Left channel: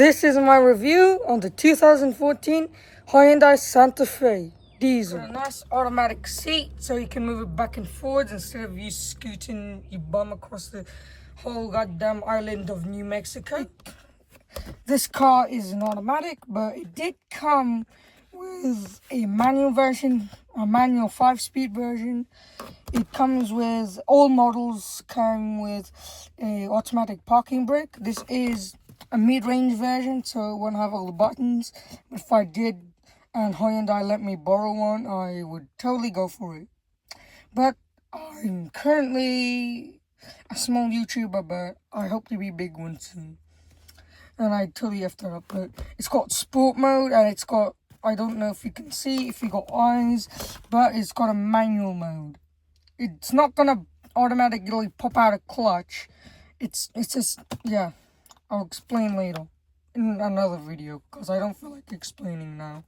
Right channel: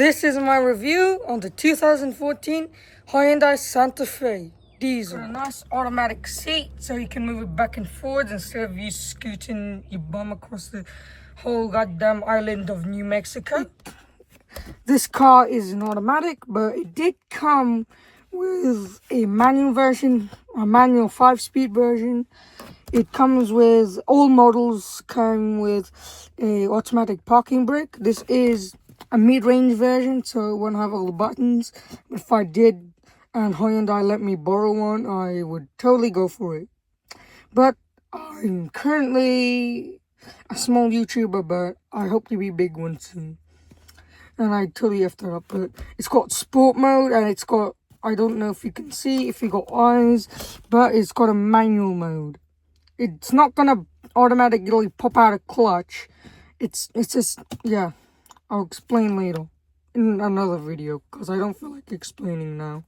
This is my review on the 2014 Hyundai Santa Fe diesel. Got a nice automatic seat so you can move it back and forwards instead of you scooting your bum across the whole goddamn island of New Mexico. This car is an automatic, but it did come with a manual version, a manual 5-speed version. It comes with, all models come with a automatic parking brake. This is a mid-range version, so it won't have all the buttons. If I did and Hyundai let me borrow one, I would totally go for it. But I'm currently a small YouTuber, but I hope to be a big one soon. And I totally effed that up, but it's got sport mode, and it's got, I don't know if you can see, if you got eyes, but it's got a manual mode. It's not gonna automatically pop out a clutch. It's just, yeah, I'll explain later in another video, because I don't feel like explaining now.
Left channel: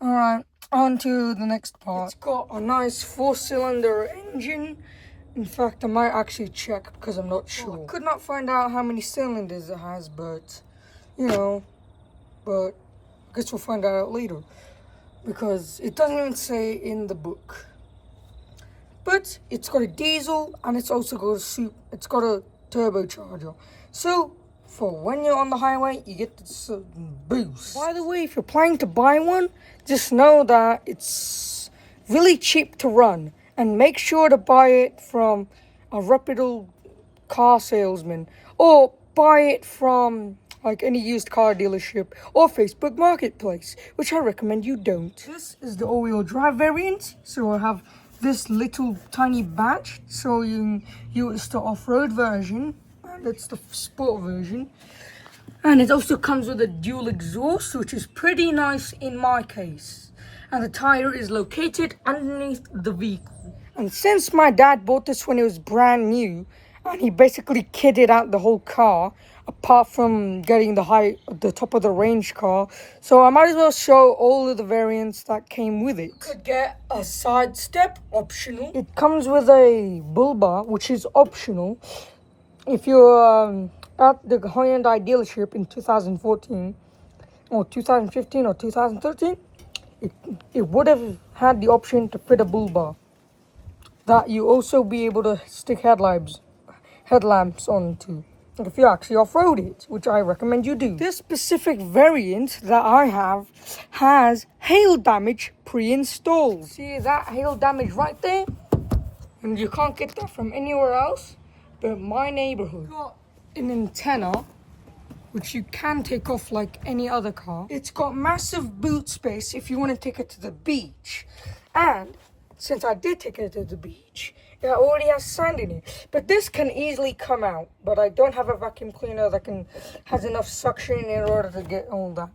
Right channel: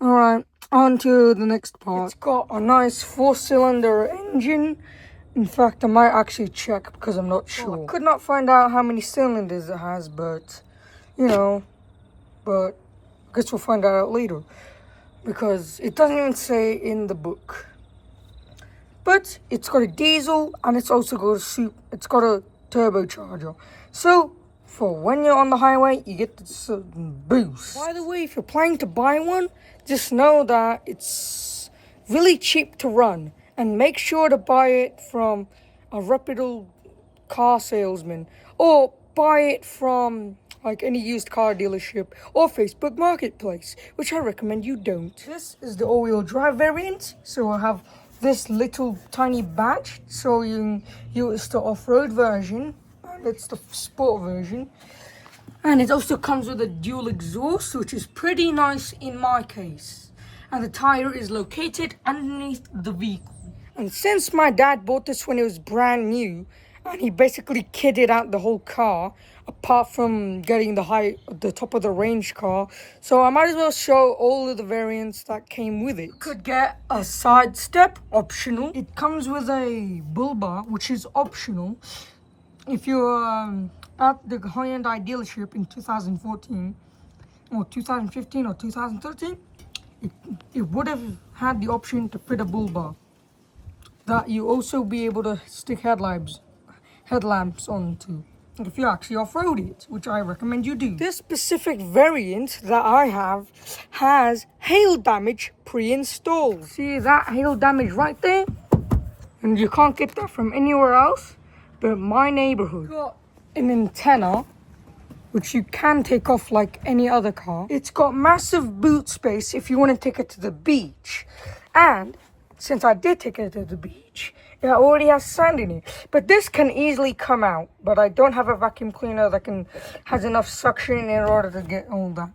Alright, on to the next part. It's got a nice 4-cylinder engine. In fact, I might actually check because I'm not sure. I could not find out how many cylinders it has, but you know, but I guess we'll find out later because it doesn't even say in the book. But it's got a diesel and it's also got it's got a turbocharger. So for when you're on the highway, you get this boost. By the way, if you're planning to buy one, just know that it's really cheap to run, and make sure to buy it from a reputable car salesman, or buy it from like any used car dealership or Facebook Marketplace, which I recommend you don't. This is the all-wheel drive variant, so I'll have this little tiny batch, so it's the off-road version, and it's the sport version. And it also comes with a dual exhaust, which is pretty nice in my case. And the tire is located underneath the vehicle. And since my dad bought this when it was brand new, and he basically kitted out the whole car, apart from getting the top of the range car, so I might as well show all of the variants that came with it. You could get a side step, optional. It comes with a bull bar, which is optional. If you're at the Hyundai dealership in 2014, or 2015, or 2013, it would have had the option to fit a bull bar. That you also be able to stick headlamps onto, if you actually off-road it, which I recommend you do. This specific variant that I have has hail damage pre-installed. See that hail damage right there? And you can't get that from anywhere else but my neighborhood. Got an antenna, which you can take off like any other car. It's got massive boot space if you want to take it to the beach. And since I did take it to the beach, it already has sand in it. But this can easily come out. But I don't have a vacuum cleaner that has enough suction in order to get all that.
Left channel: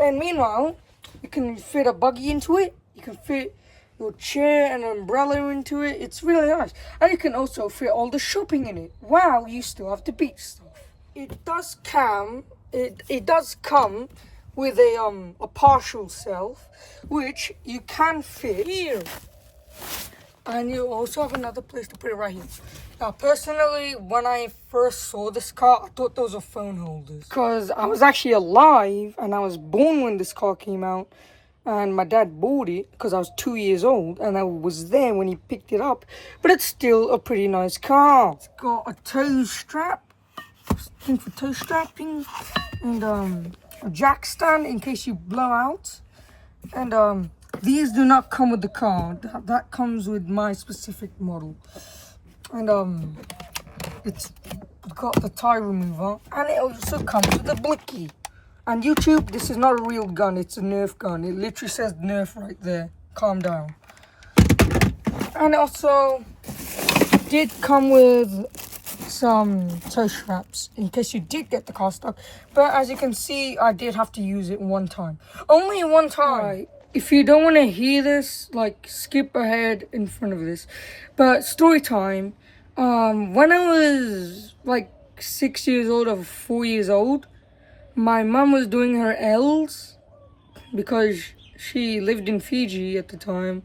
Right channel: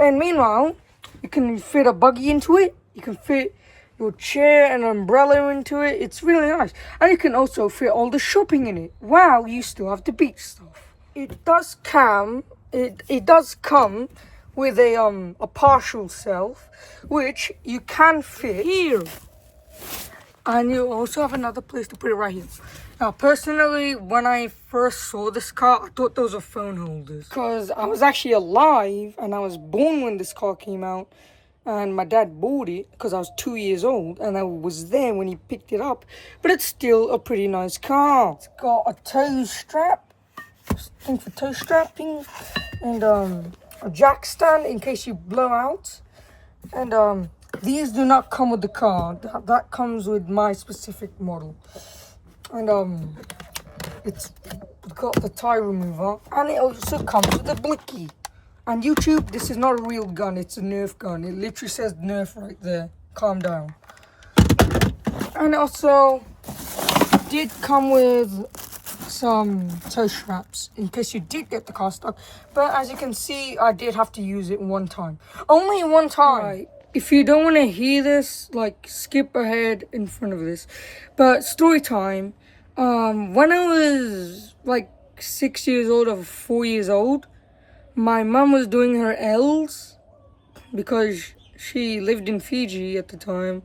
And meanwhile, you can fit a buggy into it. You can fit your chair and umbrella into it. It's really nice. And you can also fit all the shopping in it. Wow, you still have the beach stuff. It does come with a partial self, which you can fit here. And you also have another place to put it right here. Now, personally, when I first saw this car, I thought those were phone holders, because I was actually alive and I was born when this car came out. And my dad bought it because I was 2 years old, and I was there when he picked it up. But it's still a pretty nice car. It's got a toe strap, thing for toe strapping, and a jack stand in case you blow out. And these do not come with the car. That comes with my specific model. And it's got the tire remover, and it also comes with a blicky. And YouTube, this is not a real gun, it's a Nerf gun. It literally says Nerf right there. Calm down. And it also did come with some toe straps in case you did get the car stuck. But as you can see, I did have to use it one time. Only one time. Right. If you don't want to hear this, like, skip ahead in front of this. But story time. When I was like 6 years old or 4 years old, my mom was doing her L's because she lived in Fiji at the time.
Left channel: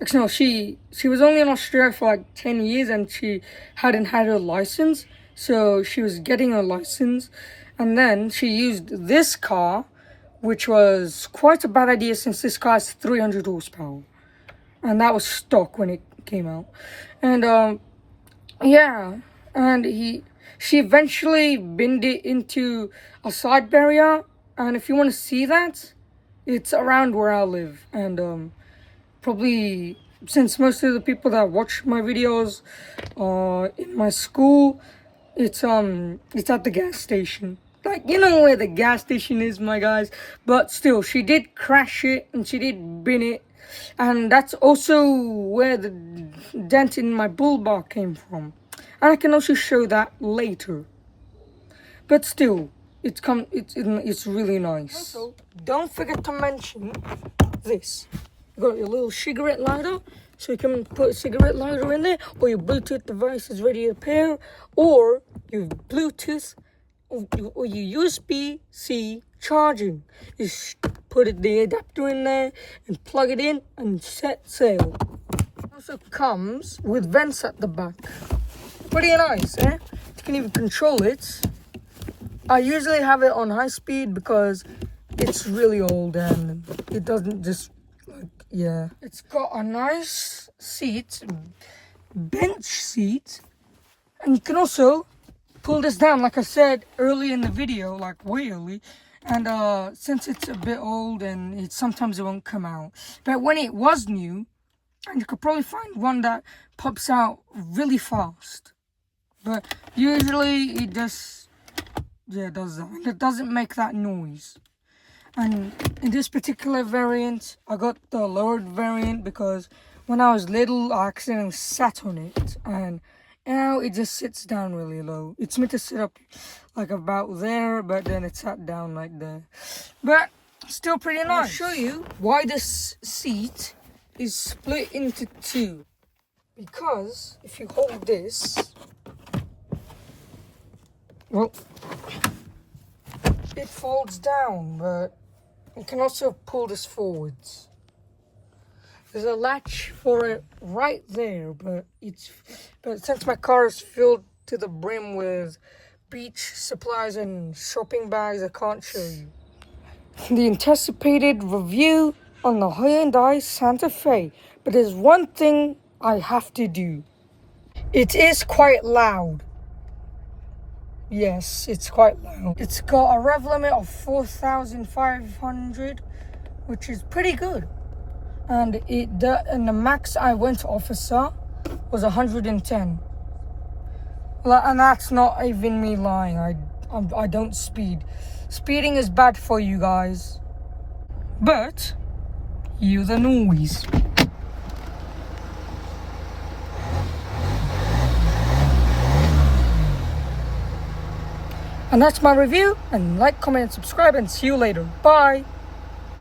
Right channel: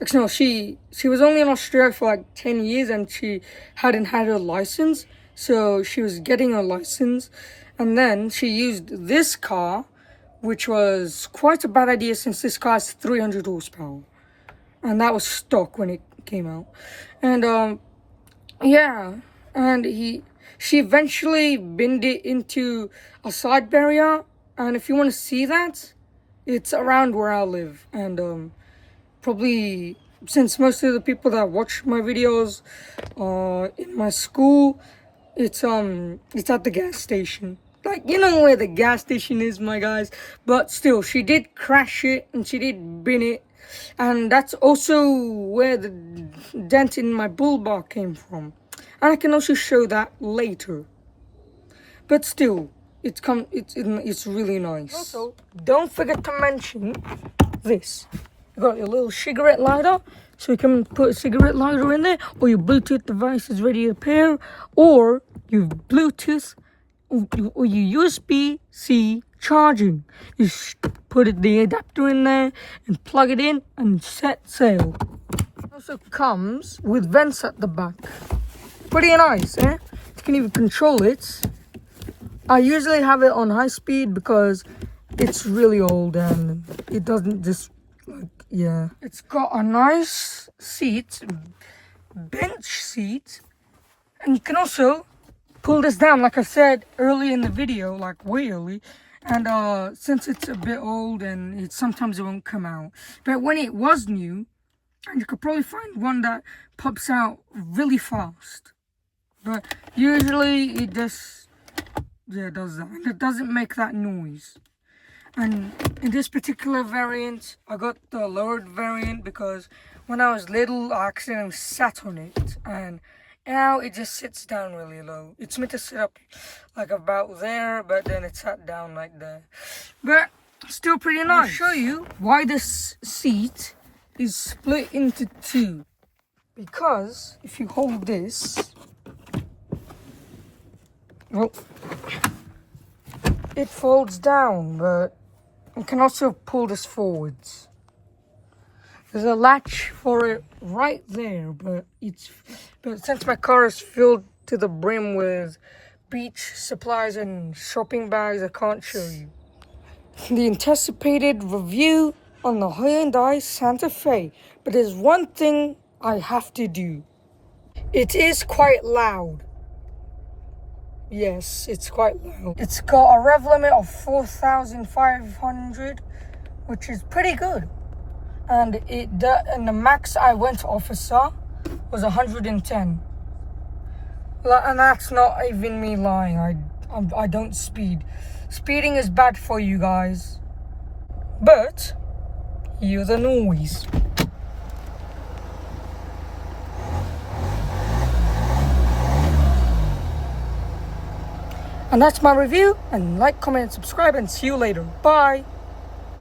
Actually, no, she was only in Australia for like 10 years and she hadn't had her license. So she was getting her license. And then she used this car, which was quite a bad idea since this car has 300 horsepower. And that was stock when it came out. And yeah, and she eventually binned it into a side barrier. And if you want to see that, it's around where I live. And probably, since most of the people that watch my videos in my school, it's at the gas station. Like, you know where the gas station is, my guys. But still, she did crash it and she did bin it. And that's also where the dent in my bull bar came from. And I can also show that later. But still, it's really nice. Also, don't forget to mention this. You got your little cigarette lighter. So you can put a cigarette lighter in there, or your Bluetooth device is ready to pair, or your Bluetooth or your USB-C charging. You put the adapter in there and plug it in and set sail. It also comes with vents at the back. Pretty nice, eh? You can even control it. I usually have it on high speed because it's really old and it doesn't just, like, yeah. It's got a nice seat, bench seat, and you can also pull this down, like I said early in the video, like way early. And since it's a bit old and sometimes it won't come out. But when it was new, and you could probably find one that pops out really fast. But usually it just, yeah, does that. And it doesn't make that noise. And in this particular variant, I got the lowered variant because when I was little, I accidentally sat on it. And now it just sits down really low. It's meant to sit up like about there, but then it sat down like there. But still pretty nice. I'll show you why this seat is split into two. Because if you hold this, well, it folds down, but you can also pull this forwards. There's a latch for it right there, but since my car is filled to the brim with beach supplies and shopping bags, I can't show you. The anticipated review on the Hyundai Santa Fe, but there's one thing I have to do. It is quite loud. Yes, it's quite loud. It's got a rev limit of 4,500, which is pretty good. And the max I went officer was 110. And that's not even me lying. I don't speed. Speeding is bad for you guys. But hear the noise. And that's my review. And like, comment, and subscribe, and see you later. Bye.